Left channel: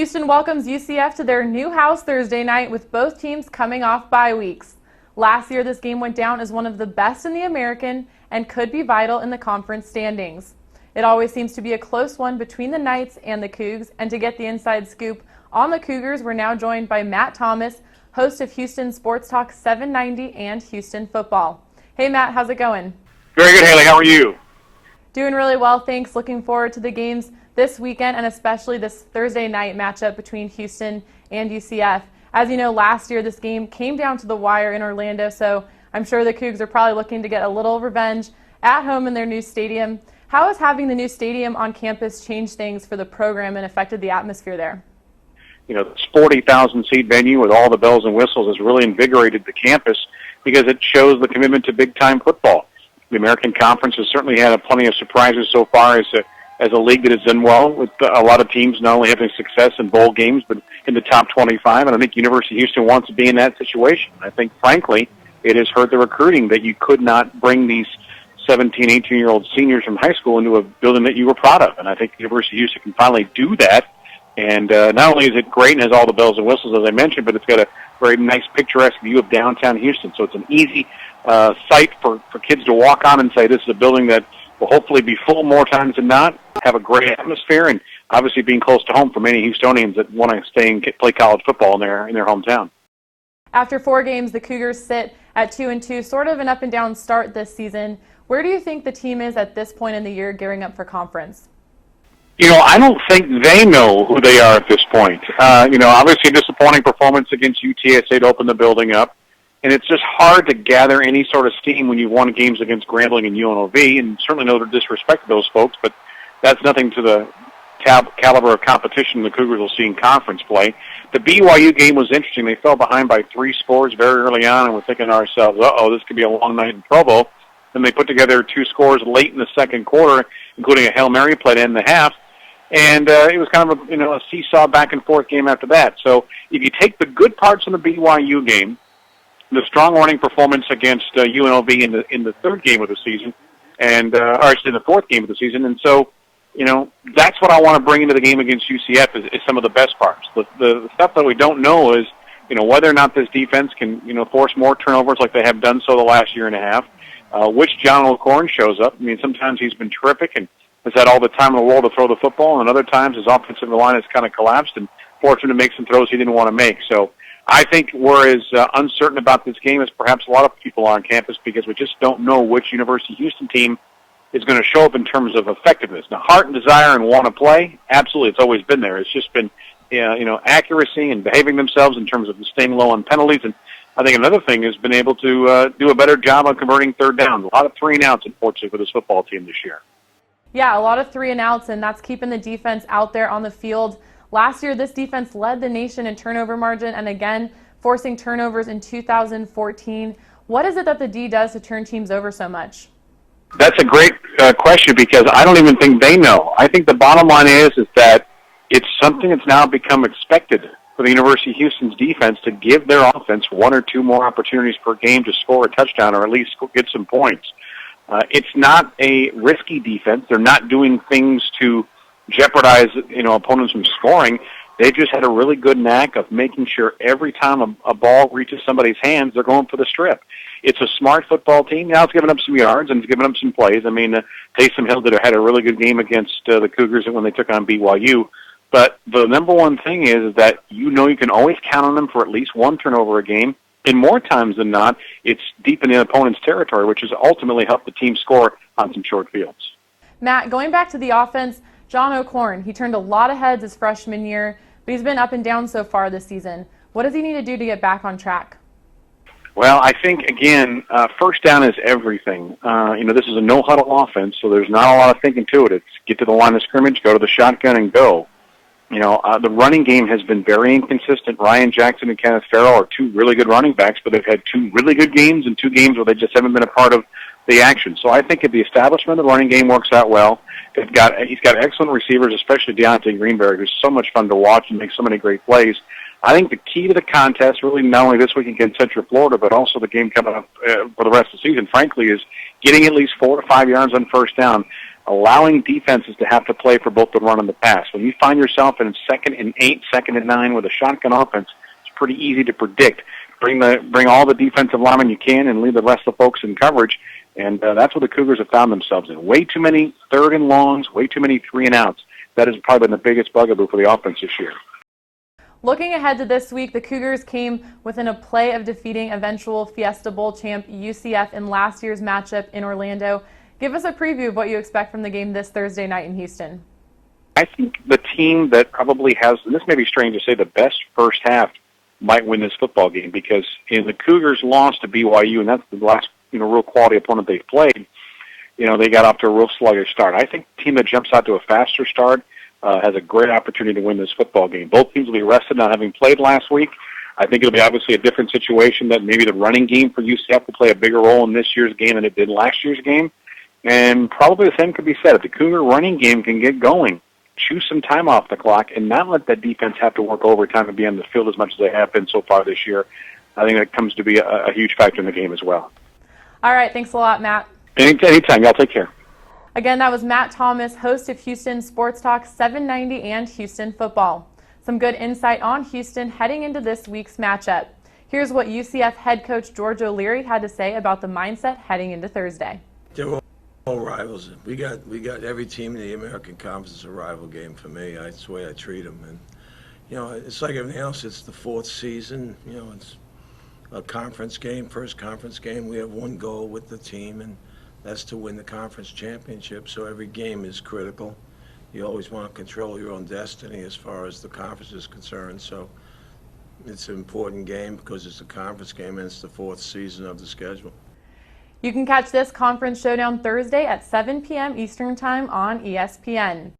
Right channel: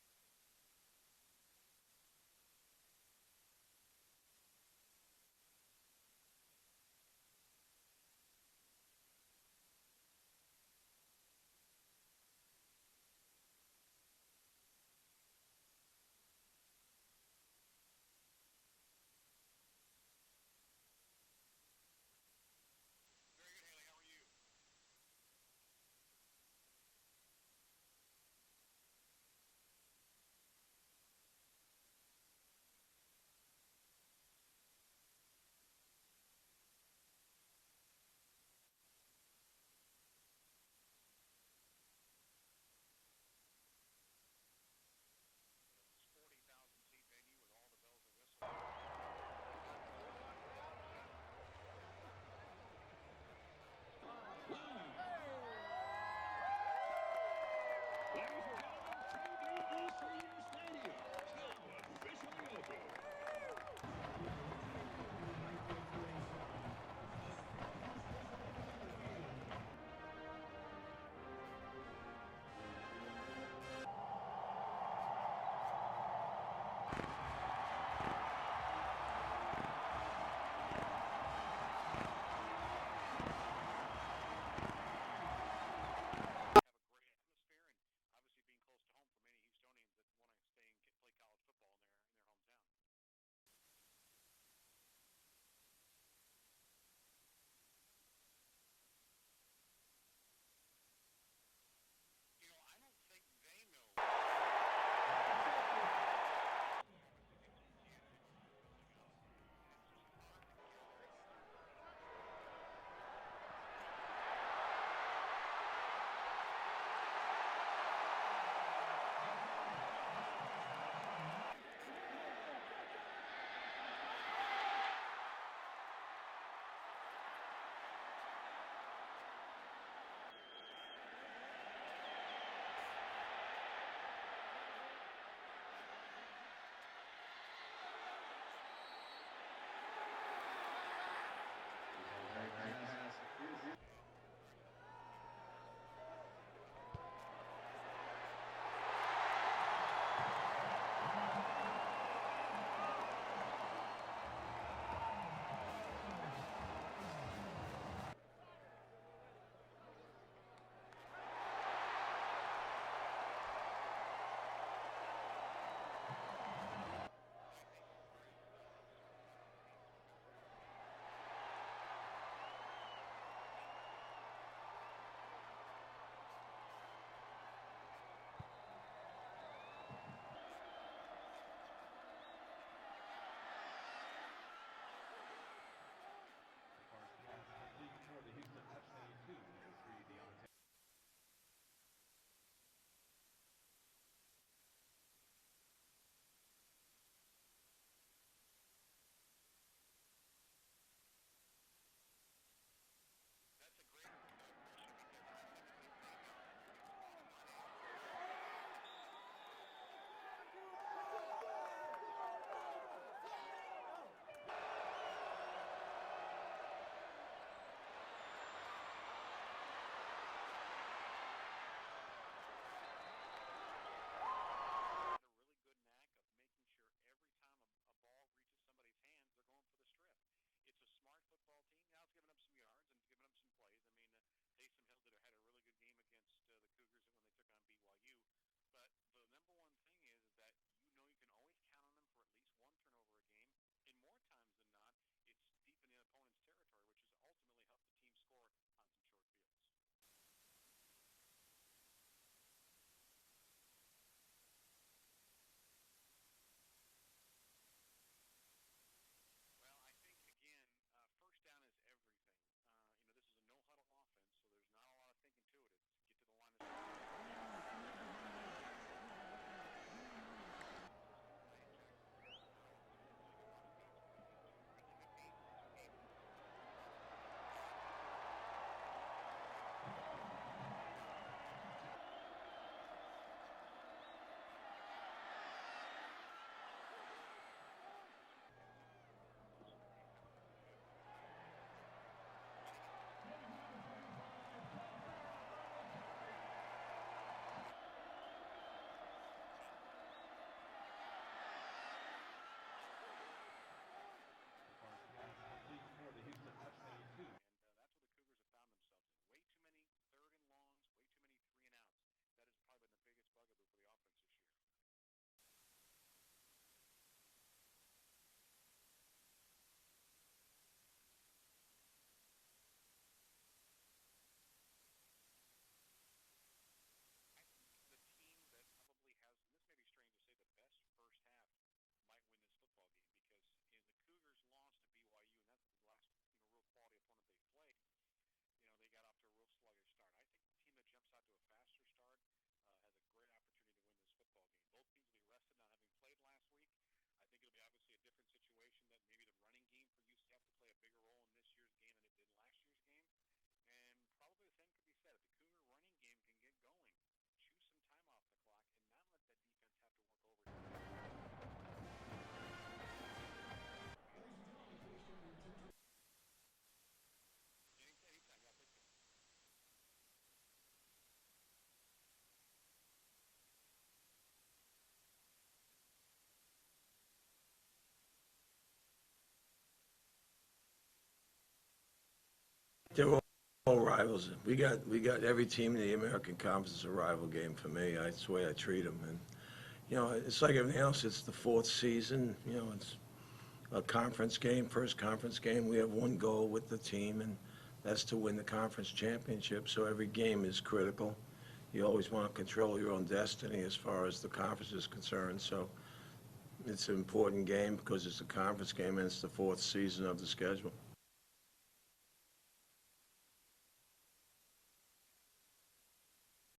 Houston welcomes UCF to their new house Thursday night with both teams coming off bye weeks. Last year, this game went down as one of the best in the American and could be vital in the conference standings. It always seems to be a close one between the Knights and the Cougs, and to get the inside scoop on the Cougars, we're now joined by Matt Thomas, host of Houston Sports Talk 790 and Houston Football. Hey Matt, how's it going? Very good, Haley. How are you? Doing really well, thanks. Looking forward to the games this weekend and especially this Thursday night matchup between Houston and UCF. As you know, last year this game came down to the wire in Orlando, so I'm sure the Cougs are probably looking to get a little revenge at home in their new stadium. How has having the new stadium on campus changed things for the program and affected the atmosphere there? You know, this 40,000-seat venue with all the bells and whistles has really invigorated the campus because it shows the commitment to big-time football. The American Conference has certainly had plenty of surprises so far as a league that has done well with a lot of teams not only having success in bowl games but in the top 25, and I think University of Houston wants to be in that situation. I think, frankly, it has hurt the recruiting that you could not bring these 17, 18-year-old seniors from high school into a building that you were proud of, and I think University of Houston can finally do that. And not only is it great and has all the bells and whistles, as I mentioned, but it's got a very nice picturesque view of downtown Houston, so it's an easy site for kids to walk on and say this is a building that will hopefully be full more times than not, have a great atmosphere, and obviously being close to home for many Houstonians that want to stay and play college football in their hometown. After 4 games, the Cougars sit at 2-2, sort of an up-and-down start this season. Where do you think the team is at this point in the year gearing up for conference? You know, I don't think they know who they are at this point. Obviously a disappointing performance against UTSA to open the building up. And it's just hard to gather any sort of steam when you've won games against Grambling and UNLV, and certainly no disrespect to those folks, but that's nothing to the caliber of competition the Cougars will see in conference play. The BYU game was interesting. They fell behind by 3 scores very early on, and we're thinking to ourselves, this could be a long night in Provo. Then they put together 2 scores late in the second quarter, including a Hail Mary play to end the half. And it was kind of a seesaw back-and-forth game after that. So if you take the good parts of the BYU game, the strong running performance against UNLV in the third game of the season, and in the fourth game of the season, and so that's what I want to bring into the game against UCF is some of the best parts. The stuff that we don't know is whether or not this defense can force more turnovers like they have done so the last year and a half. Which John O'Corn shows up. I mean, sometimes he's been terrific and has had all the time in the world to throw the football, and other times his offensive line has kind of collapsed and forced him to make some throws he didn't want to make. So I think we're as uncertain about this game as perhaps a lot of people on campus because we just don't know which University of Houston team is going to show up in terms of effectiveness. Now, heart and desire and want to play, absolutely, it's always been there. It's just been accuracy and behaving themselves in terms of staying low on penalties. And I think another thing has been able to do a better job on converting third down. A lot of 3-and-outs, unfortunately, for this football team this year. Yeah, a lot of 3-and-outs, and that's keeping the defense out there on the field. Last year, this defense led the nation in turnover margin and, again, forcing turnovers in 2014. What is it that the D does to turn teams over so much? That's a great question because I don't even think they know. I think the bottom line is that it's something that's now become expected for the University of Houston's defense to give their offense 1 or 2 more opportunities per game to score a touchdown or at least get some points. It's not a risky defense. They're not doing things to jeopardize opponents from scoring. They just had a really good knack of making sure every time a ball reaches somebody's hands, they're going for the strip. It's a smart football team. Now it's given up some yards and it's given up some plays. I mean, Taysom Hill had a really good game against the Cougars when they took on BYU. But the number one thing is that you can always count on them for at least 1 turnover a game. And more times than not, it's deep in the opponent's territory, which has ultimately helped the team score on some short fields. Matt, going back to the offense, John O'Corn, he turned a lot of heads his freshman year, but he's been up and down so far this season. What does he need to do to get back on track? Well, I think, again, first down is everything. This is a no-huddle offense, so there's not a lot of thinking to it. It's get to the line of scrimmage, go to the shotgun, and go. The running game has been very inconsistent. Ryan Jackson and Kenneth Farrell are 2 really good running backs, but they've had 2 really good games and 2 games where they just haven't been a part of the action. So I think if the establishment of the running game works out well, he's got excellent receivers, especially Deontay Greenberg, who's so much fun to watch and makes so many great plays. I think the key to the contest, really not only this week against Central Florida, but also the game coming up for the rest of the season, frankly, is getting at least 4 to 5 yards on first down. allowing defenses to have to play for both the run and the pass. When you find yourself in 2nd and 8, 2nd and 9 with a shotgun offense, it's pretty easy to predict. Bring all the defensive linemen you can and leave the rest of the folks in coverage, and that's what the Cougars have found themselves in. Way too many 3rd and longs, way too many 3 and outs. That has probably been the biggest bugaboo for the offense this year. Looking ahead to this week, the Cougars came within a play of defeating eventual Fiesta Bowl champ UCF in last year's matchup in Orlando. Give us a preview of what you expect from the game this Thursday night in Houston. I think the team that probably has, and this may be strange to say, the best first half might win this football game, because in the Cougars lost to BYU, and that's the last real quality opponent they've played. They got off to a real sluggish start. I think the team that jumps out to a faster start has a great opportunity to win this football game. Both teams will be rested not having played last week. I think it'll be obviously a different situation, that maybe the running game for UCF will play a bigger role in this year's game than it did last year's game. And probably the same could be said. If the Cougar running game can get going, choose some time off the clock, and not let that defense have to work overtime and be on the field as much as they have been so far this year, I think that comes to be a huge factor in the game as well. All right, thanks a lot, Matt. Anytime. Y'all take care. Again, that was Matt Thomas, host of Houston Sports Talk 790 and Houston Football. Some good insight on Houston heading into this week's matchup. Here's what UCF head coach George O'Leary had to say about the mindset heading into Thursday. They're all rivals. We got every team in the American Conference is a rival game for me. That's the way I treat them. And it's like everything else. It's the 4th season. It's a conference game, first conference game. We have one goal with the team, and that's to win the conference championship. So every game is critical. You always want to control your own destiny as far as the conference is concerned. So it's an important game because it's a conference game and it's the 4th season of the schedule. You can catch this conference showdown Thursday at 7 p.m. Eastern Time on ESPN.